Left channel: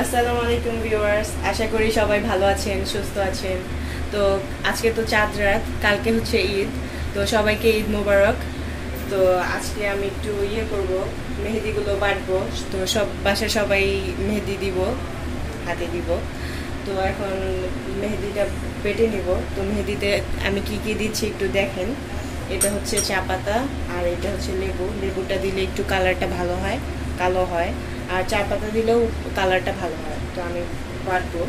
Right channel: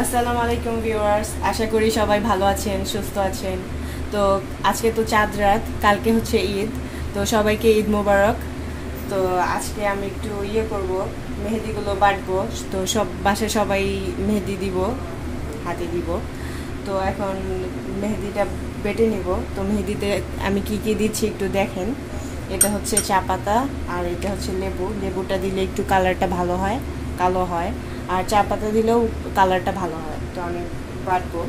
আসসালামু আলাইকুম ভিউয়ার্স, আশা করি সবাই ভালো আছেন, সুস্থ আছেন। তো আজকে তো চাঁদ রাত, কালকে হচ্ছে ঈদ। তো সবাইকে ঈদ মোবারক। তো আজকে আমি একটু করব, মেহেদিগুলো বাটবো। তো বাসায় সবাই মেহেদি দিব, হাতে দিব। তো এখন মেহেদিটা বেটে নিব। তো মেহেদিতে আমি কি কি দিচ্ছি একটু দেখেন। এটা হচ্ছে চা পাতা, আর এটা হচ্ছে লেবু। লেবুটা দিলে একটু কালারটা ভালো হয়, কালো হয়। আর চা পাতা দিলেও কালারটা ভালো হয়। তো আমি বাটবো।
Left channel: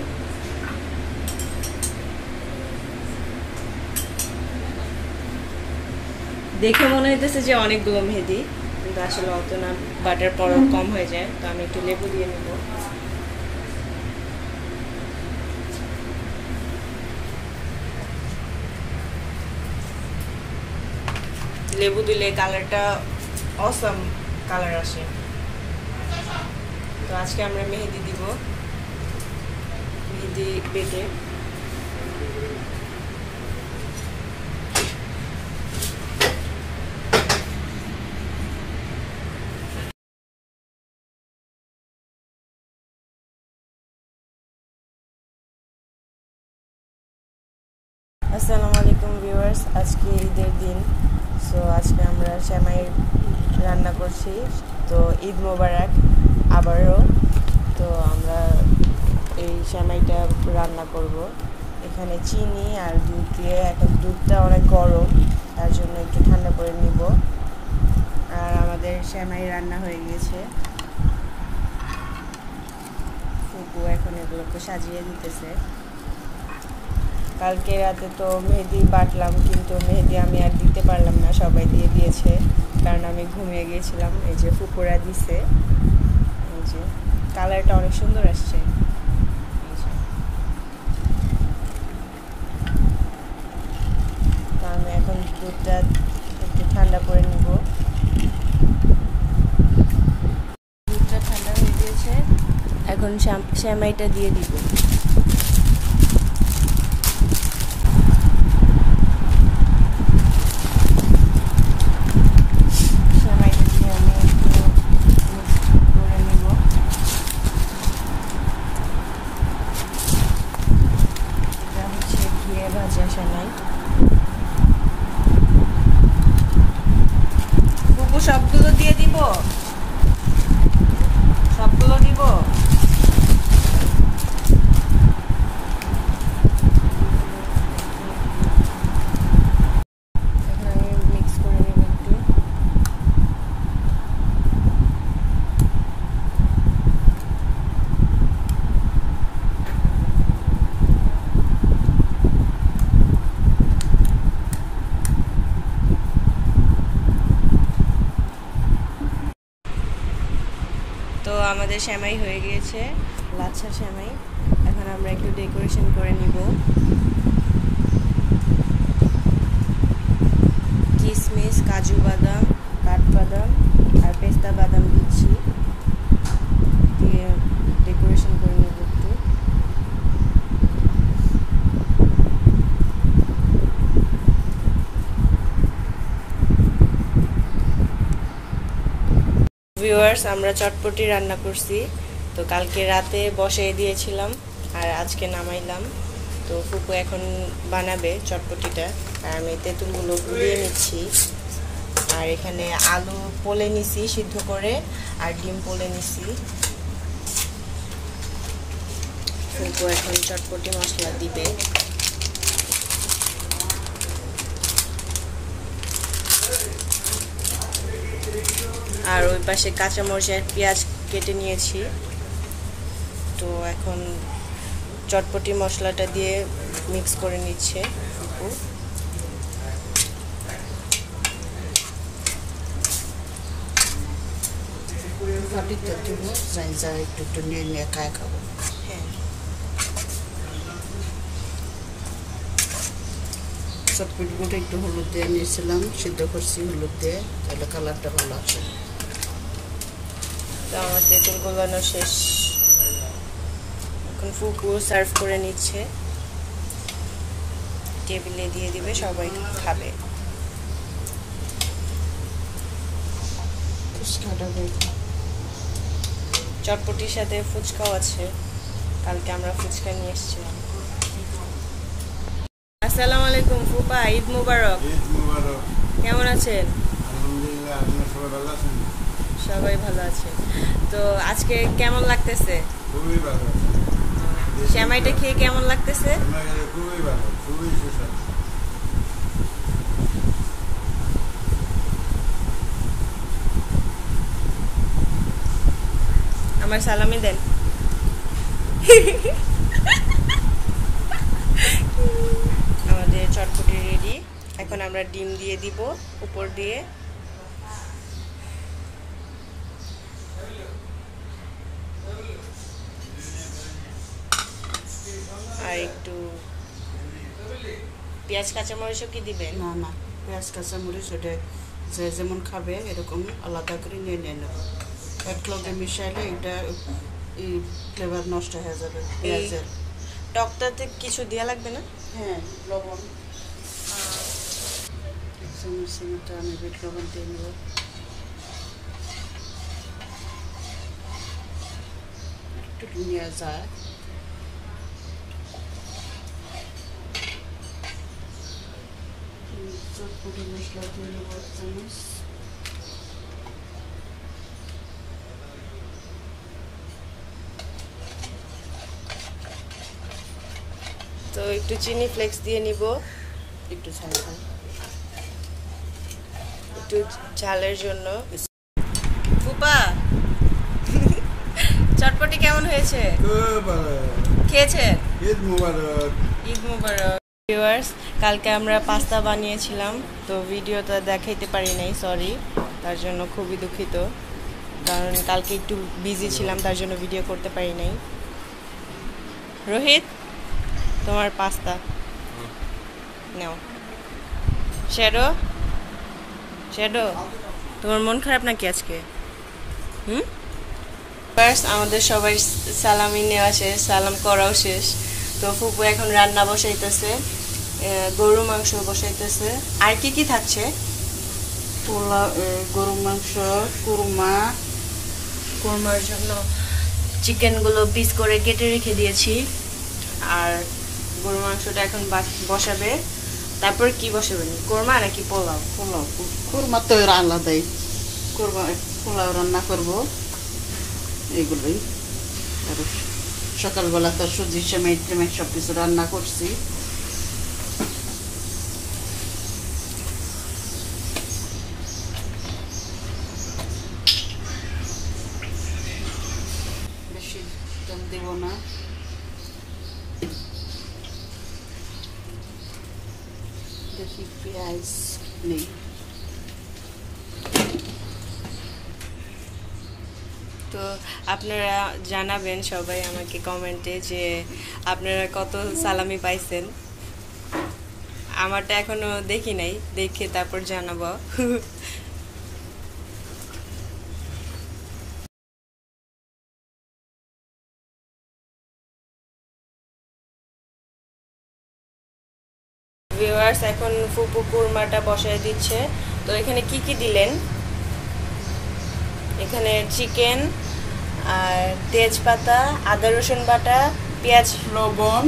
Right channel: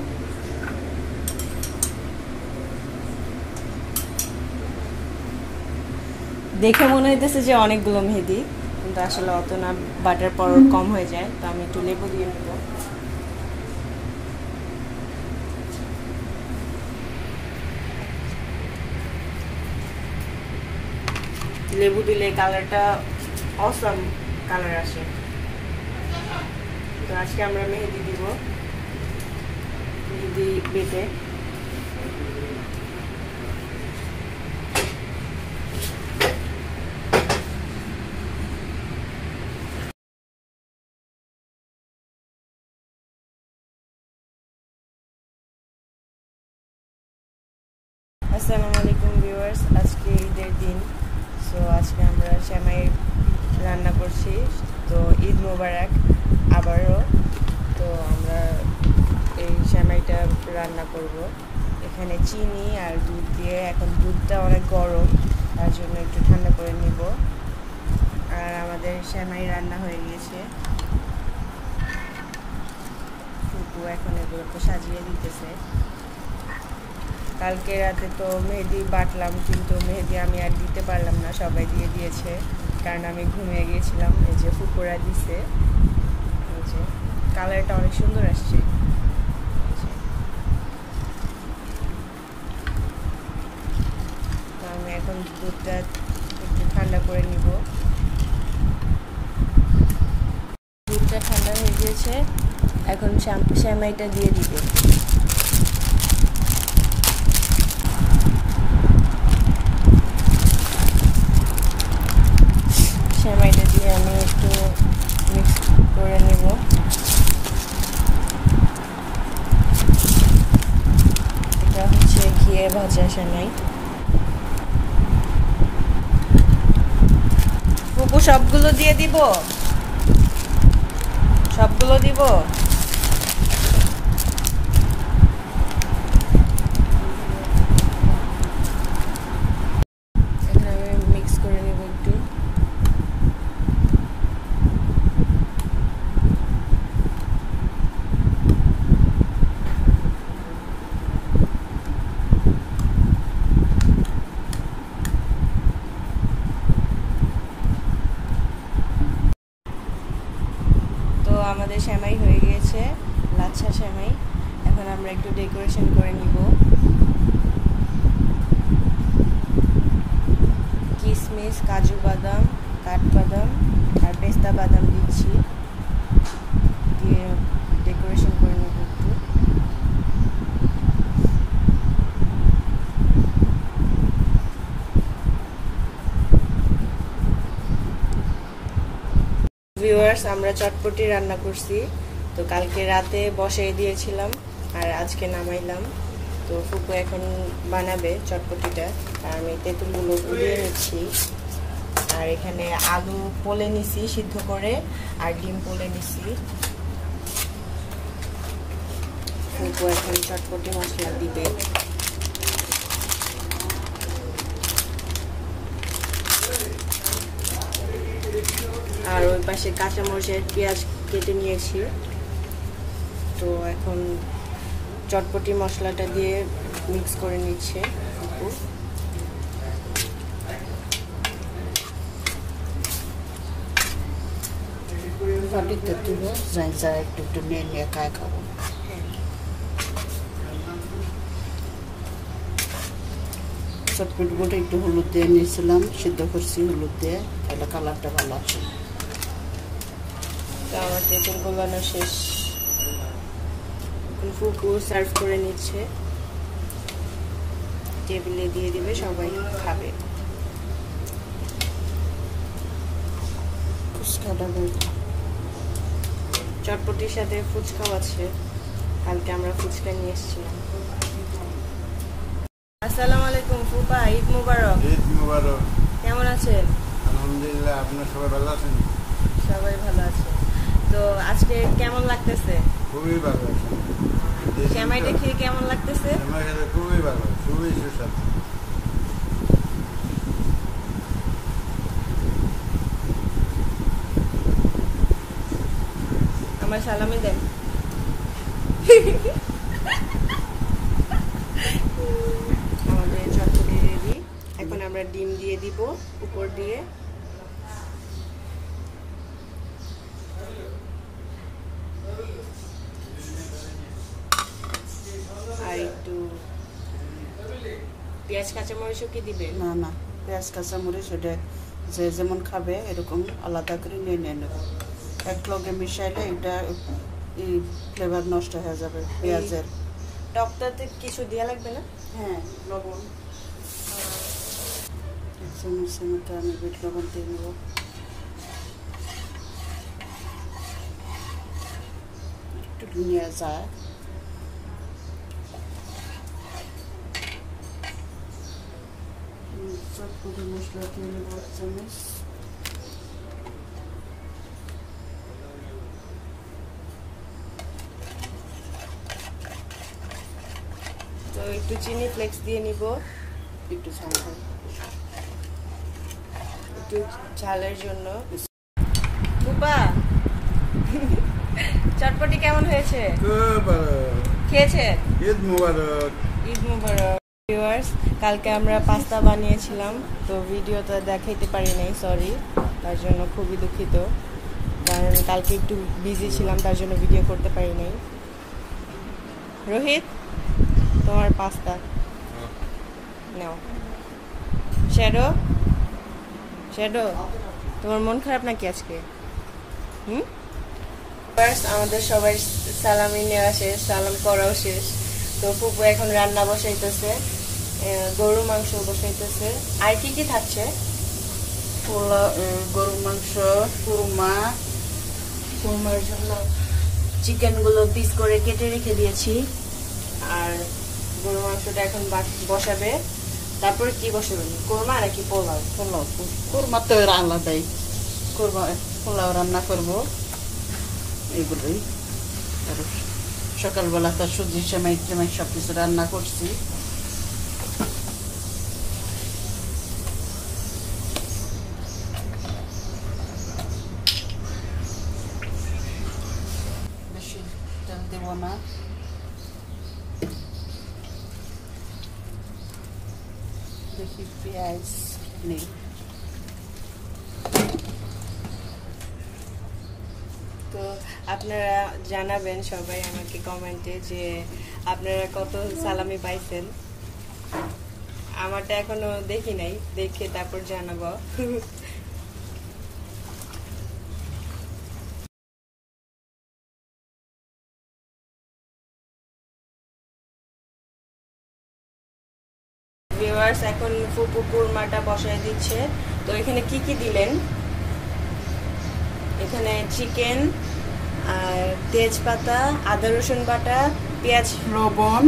দেখে মনে হইতেছে যে অনেকগুলো মেহেদি, কিন্তু আসলে অত না, বাটার পর কম হয়ে যায়। তো আমি একটু লেবু দিয়ে নেব। লেবু দিলে কালারটা অসাম কালার আসে। তো আজকে আমরা মেহেদি দিব, মেহেদি বেটে। আসসালামু আলাইকুম ভিউয়ার্স, আজকে ঈদের দিন। সো আজকে আমরা সেমাই রান্না করছি। তো ঈদ মোবারক আবারও। তো আমরা এই সেমাইটা রান্না করব। এখানে চিনি আর দুধ দিয়ে, এখন দুধটা অনেক গরম, তার জন্য একটু ঠান্ডা করে নিব। আর আমাদের সেমাই রান্না হয়ে গিয়েছে। ফুপু এখন এগুলোকে সাজিয়ে দিতেছে। কালকে রাতে তো মেহেদি বাটলাম, কিন্তু মেহেদি আমি আর দিতে পারলাম না, সবাই দিয়ে দিয়েছে, কারণ আমি ঘুমিয়ে গিয়েছিলাম। এই যে ফুপুরা দিছে, এই যে কালারটা অনেক সুন্দর আসছে। তো আমি এখন দুধটা একটু ঠান্ডা করে নিব। দুধটা ঠান্ডা হয়ে গিয়েছে, এখন সেমাইটা দিয়ে দিব। সেমাইটা দিয়ে আমি একটু মিক্স করে নেব। এটা হচ্ছে ঘিয়ে ভাজা সেমাই। ফুপু সবগুলো দিয়ে দিব, সবগুলো দিব। মিক্স করে নেব একটু। তো আমাদের সেমাই হয়ে গিয়েছে, লাচ্ছা সেমাই। এখন আমরা একটু ডেকোরেশন করে নিব। কিশমিশ, কাজু বাদাম, কাঠবাদাম আর পেস্তা বাদাম দিচ্ছি, দিয়ে ডেকোরেশন করে নেব একটু। ভিউয়ার্স, আমরা চটপটি রান্না করছি। তো কালকে রাতে বসাই দিয়েছিলাম, আর আজকে নামাইলাম। তো ফুপু এখন বানাবে চটপটিটা, আর আমি তেঁতুলগুলো গুলিয়ে নিচ্ছি। আর এখানে আলু পোলে নিছি সিদ্ধ করে, আর ডিম পোলে নিছি। ফুপু এখন চটপটি মশলা দিবে। আর ওই পাশে কাঁচামরিচ আর পেঁয়াজ কেটে নিয়েছি। তো এখন চটপটি মশলাটা দিয়ে মিক্স করে নিচ্ছে ফুপু। একটু নিয়ে নিয়ে খায় খাবো। হ্যাঁ, চটপটিগুলো একটু হলুদ দিয়ে নিয়েছিলাম, সিদ্ধ করছি হলুদ দিয়ে, তাহলে কালারটা ভালো আছে। তো আমার তেঁতুল গলানো শেষ, এখন ফুপু সার্ভ করে নিচ্ছে, টেবিলে দিয়ে দিবে, সবাই খাবে। চটপটির সাথে ফুচকাও আছে, কালকে আমরা ফুচকা নিয়ে এসেছিলাম। আসসালামু আলাইকুম ফুপা, ঈদ মুবারক। ঈদ মুবারক। কেমন আছেন? আলহামদুলিল্লাহ, আপনারা সবাই ভালো আছেন? সবাই ভালো আছে। তো আজকে কেমন লাগতেছে? খুবই ভালো আছে। সেমাইটা খেয়ে কেমন লাগতেছে? খুবই ভালো, খুবই সুস্বাদু। আমার সালামি দেন। আমাদের চটপটি রেডি, এখন আমরা ডিম দিয়ে দিব উপর দিয়ে। আর একটু পেঁয়াজ কাঁচামরিচও কি দিবেন? না না, পেঁয়াজ কাঁচামরিচ ওটা যে যেমন খাবে এরকম আলাদা করে নিয়ে নেব। এক লগে মিশাইলে এটা এই ফ্লেভার নষ্ট হয়ে যাবে পেঁয়াজের। টকটাতে কিছু দেওয়া লাগবে না? হ্যাঁ, লবণ এক চামচ মতো আমি বিট লবণ দিয়ে নেব। একটু নিয়ে যায় চটপটি মশলা দিয়ে নেব এক চামচ। তো একটু চিনি ফ্লেক্স দিয়ে নিব, একটু ঝাল ঝাল একটু ঝালের জন্য। ফুপা, চটপটি কেমন হয়েছে? খুব ভালো। খেয়েছে? ঈদ মুবারক। ঈদ মুবারক। ভিউয়ার্স, কালকে আমরা পাস্তা বানিয়েছিলাম, তো ভিডিওটা দেখাইতে পারি নাই, সরি, তার জন্য খুবই দুঃখিত, কারণ কালকে একটু বিজি ছিলাম, তার জন্য ভিডিও করতে পারি নাই। রোহিত, তোমার পাস্তা নাও। শ্যাডো, শ্যাডো, তোমার মন খারাপ নাকি আজকে? আমাদের সবাই সালামি নেওয়া শেষ, সালাম করাও শেষ। তো ফুপু এখন রান্না বসাইতেছে, গরু মাংস বসাইতেছে। আর কি কি থাকছে? পোলাও, গরুর মাংস, কুরমা। কুরমার জন্য চিকেনগুলো পিস করে কেটে রেখে দিয়েছি, আর গরু মাংসটা এখন বসাবে। তারপর কি বসাবেন, কুরমা নাকি পোলাও? পোলাও, কুরমা তো আলাদাই, কুরমা পোলাও রান্না করবো এগুলোই। আর সকালবেলা তো সুজি সেমাই টেমাই সব কিছু রান্না করছি। বেশি তেল দেব না, দেখি পেঁয়াজ নেই। তো আপনারা জানাবেন সবাই আমাকে কমেন্টে যে আপনারা কত সালামি পাইছেন। আমারটা এখনো দেখি নাই, দেখে তারপর জানাবো। ভিউয়ার্স, এখন ফুপু কুরমাটা বসায় দিচ্ছে। তো এখানে কি কি দিলেন? এখানে চিকেন, আর তেজপাতা, আদা রসুন বাটা, পেঁয়াজ, লবণ,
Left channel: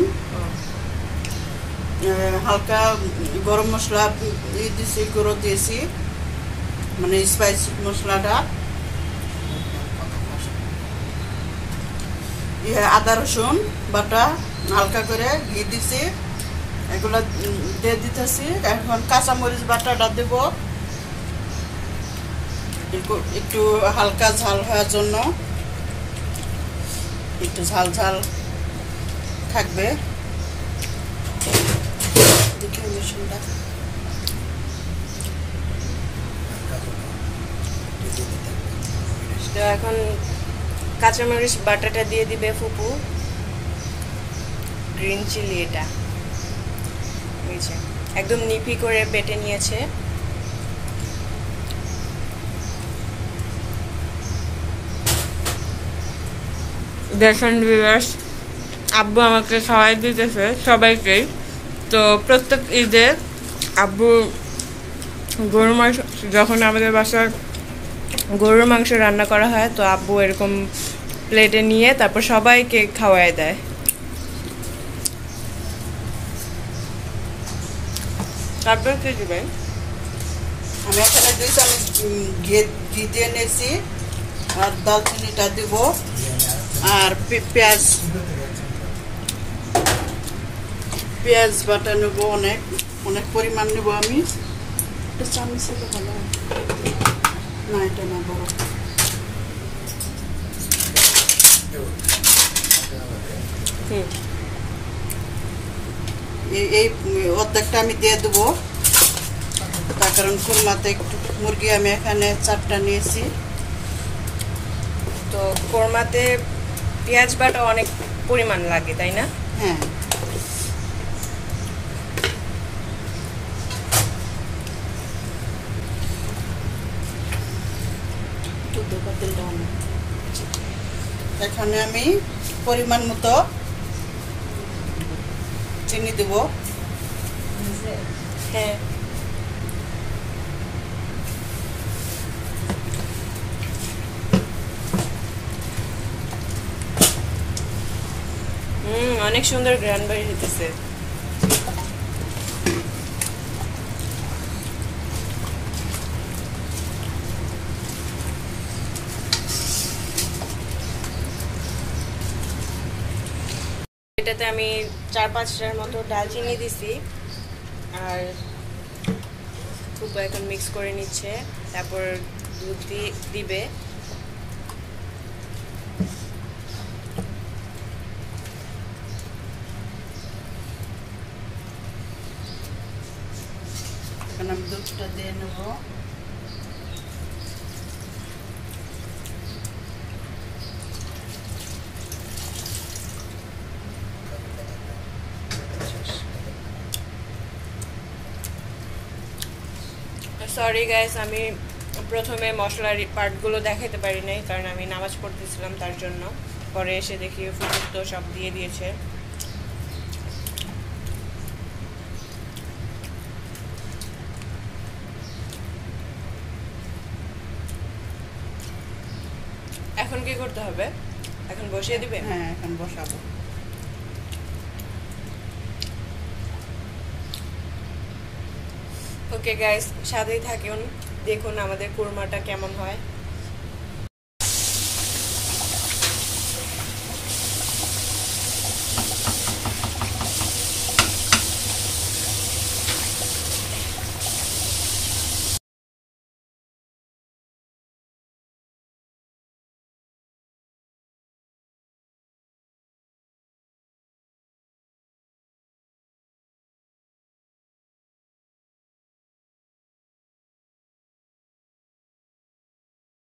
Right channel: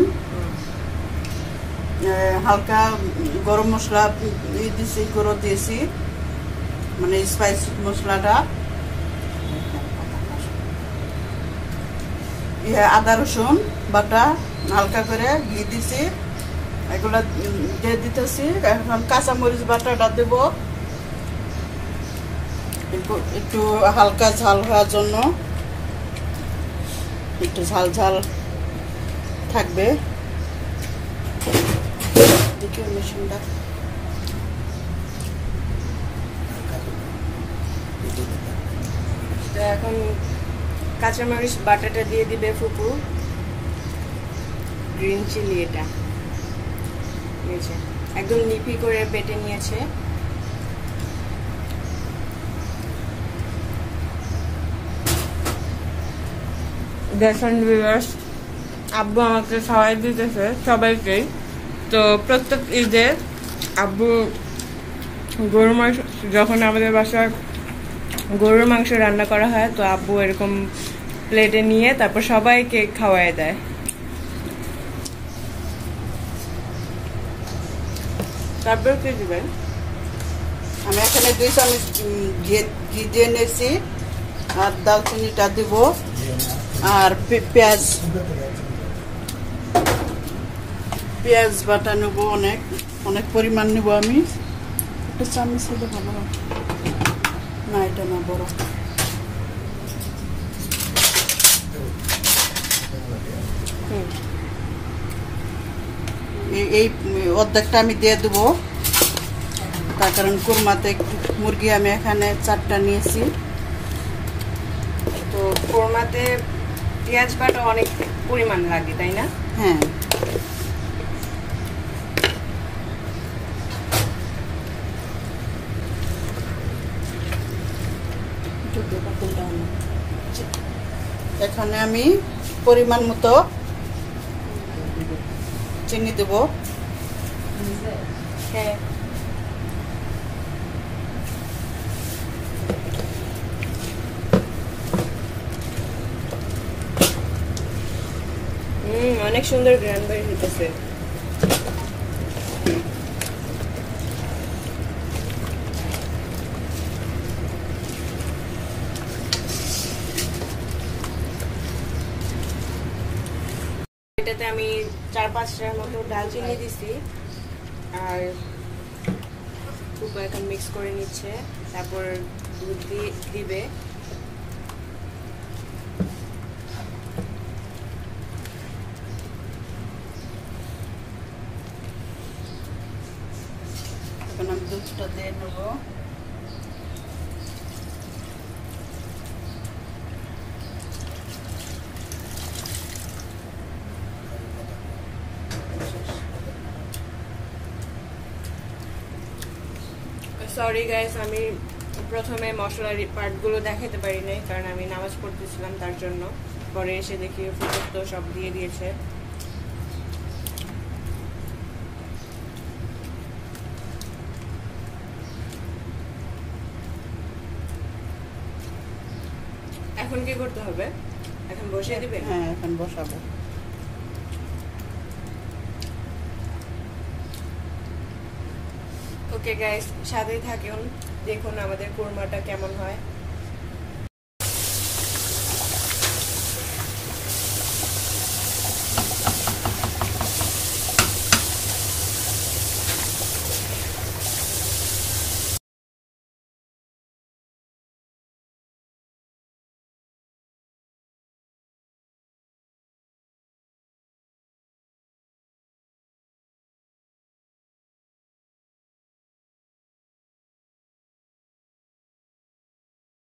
হালকা গরম মশলা দিয়েছি, গুঁড়ো দিয়েছি, মানে স্পাইসি মশলাটা, আদা রসুন বাটা, হালকা করে ঘি দিছি, এগুলা দিয়ে দিতেছি। এখন কাঁচামরিচ বাটাটা দেব, একটু হালকা ঝাল হওয়ার জন্য, একটু ঝাল ঝাল থাকবে। দেখি মিশ্রণটা তো এখন কাঁচামরিচ বাটাটা দিয়ে দিবে ফুপু। গ্রিন চিলি, এটা নিচে একদম নিপি করে বেটে নিয়েছে। দেখেন ভিউয়ার্স, আব্বু আমাকে খাওয়াই দিতেছে সবাইকেই। তো প্রত্যেক ঈদে আব্বু গরুর মাংস, যখন আমাদের বাসায় গরুর মাংস রান্না করা হয়, তো আব্বু এরকম প্লেটে নিয়ে তারপর সবাইকে খাওয়ায় দেয়। তারপর কি দিবেন? আমি এখানে 2 চামচ ঘি দিয়ে নিয়েছি, আর দালচিনিটা দিব, আর পেঁয়াজ বাটা নেবো, অনেক পরিমাণ নেবো আমি। একটা চামচ হলে ভালো হয়। না, এটা না, বড়। এই অর্ধেকটা আমি দিয়ে দেবো। তারপর কোরমাতে একটু মুরগি আমি এখানে 4টা নিয়েছি। তো কোরমাতে পেঁয়াজ বাটা অনেক পরিমাণ লাগে, তাই না? হ্যাঁ, এখন আমি পরিমাণ মতো চিনি দেব। হ্যাঁ, অনেক সুন্দর গ্রান বাড়ি হইতেছে। এটাতে আমি 4-5টার মতো ডালচিনি দিছি, আর খুব এখন মিক্স করে নিচ্ছে। তারপর দুধ দিবে। এখন আমি দুধটা দিয়ে নেব। সরি গাইস, আমি প্রথমে মশলার পার্টগুলো দেখাতে পারি নাই, কারণ আমি নামাজ পড়তেছিলাম, তার জন্য। পরে এসে দেখি ফুটুক তো সব দিয়ে দিয়েছে। এখন কি করতে হবে? এখন বসিয়ে দিবে? হ্যাঁ, এখন বসাবো। ওকে গাইস, সাথেই থাকুন, দেখুন আমাদের কোরমাটা কেমন হয়।